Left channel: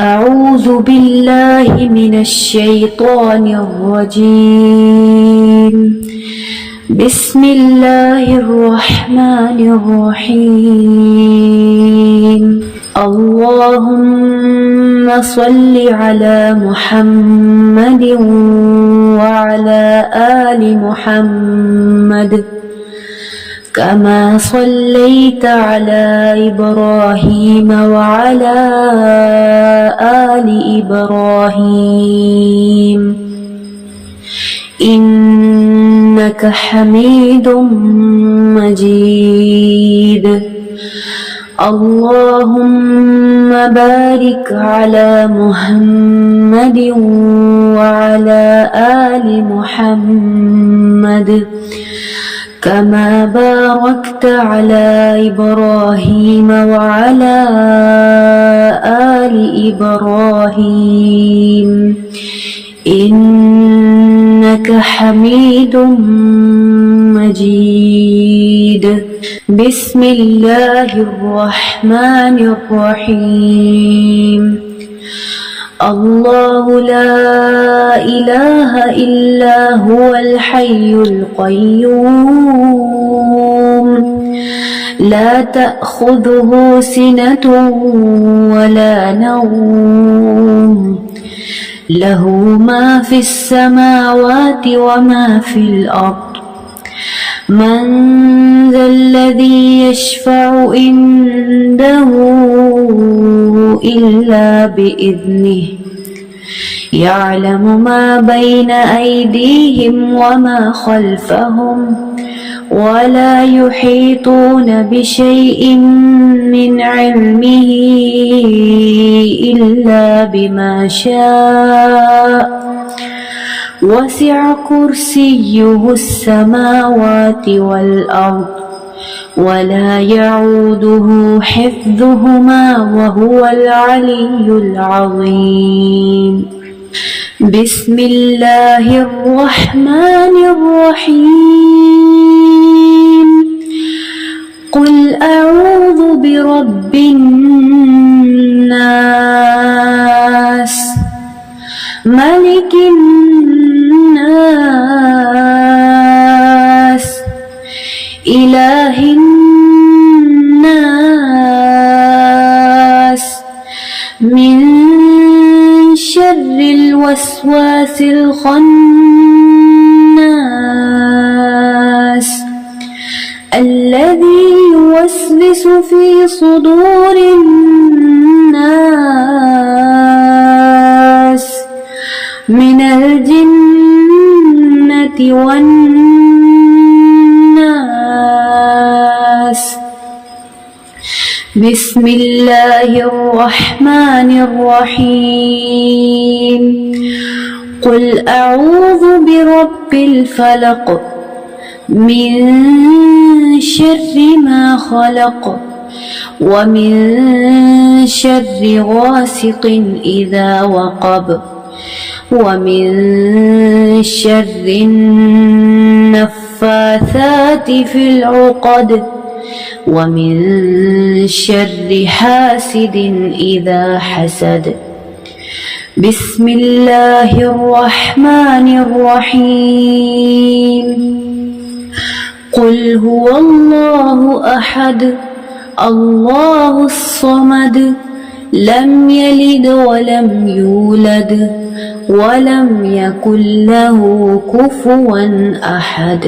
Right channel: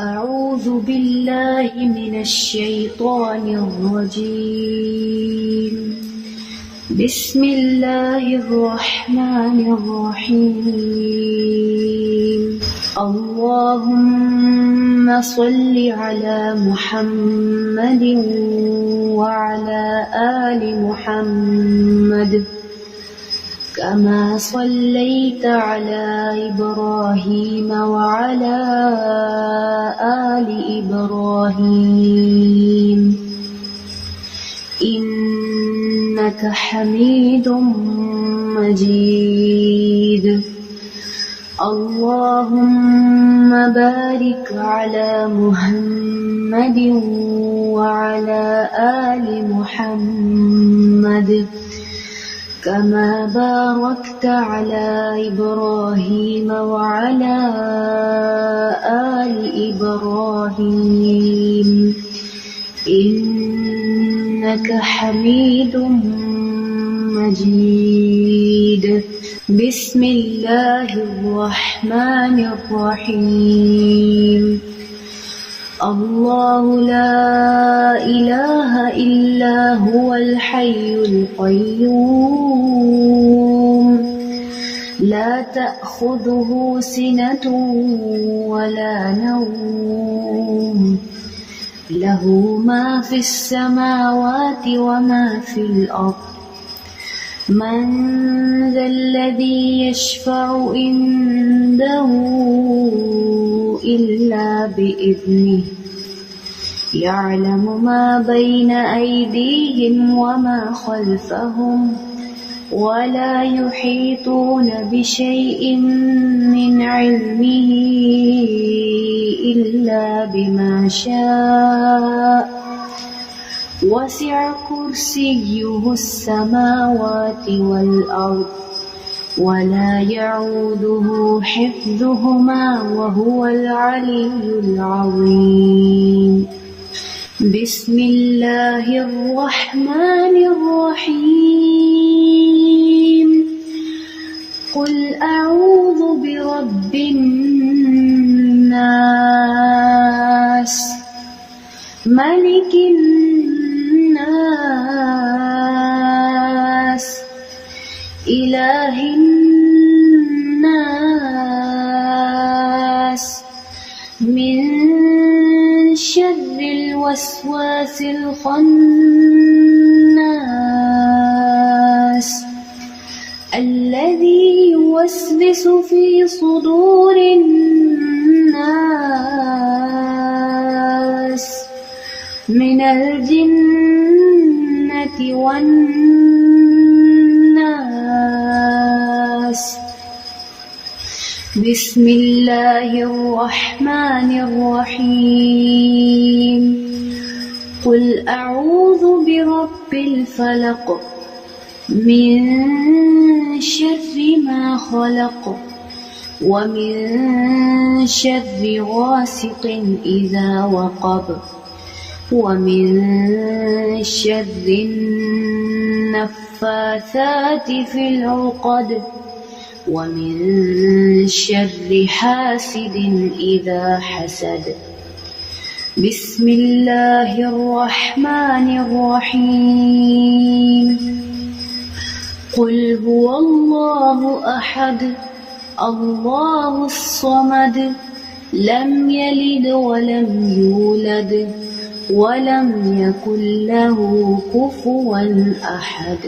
أعوذ بالله من الشيطان الرجيم. بسم الله الرحمن الرحيم. اللهم صل على محمد وعلى آل محمد كما صليت على إبراهيم وعلى آل إبراهيم إنك حميد مجيد. اللهم بارك على محمد وعلى آل محمد كما باركت على إبراهيم وعلى آل إبراهيم إنك حميد مجيد. بسم الله الرحمن الرحيم. الله لا إله إلا هو الحي القيوم لا تأخذه سنة ولا نوم له ما في السماوات وما في الأرض. من ذا الذي يشفع عنده إلا بإذنه يعلم ما بين أيديهم وما خلفهم ولا يحيطون بشيء من علمه إلا بما شاء وسع كرسيه السماوات والأرض ولا يعوده حفظهما وهو العلي العظيم. بسم الله الرحمن الرحيم. قل أعوذ برب الناس ملك الناس إله الناس من شر الوسواس الخناس الذي يوسوس في صدور الناس من الجنة والناس. بسم الله الرحمن الرحيم. قل أعوذ برب الفلق من شر ما خلق ومن شر غاسق إذا وقب ومن شر النفاثات في العقد ومن شر حاسد إذا حسد. بسم الله الرحمن الرحيم. قل هو الله أحد الله الصمد لم يلد ولم يولد ولم يكن له كفوا أحد.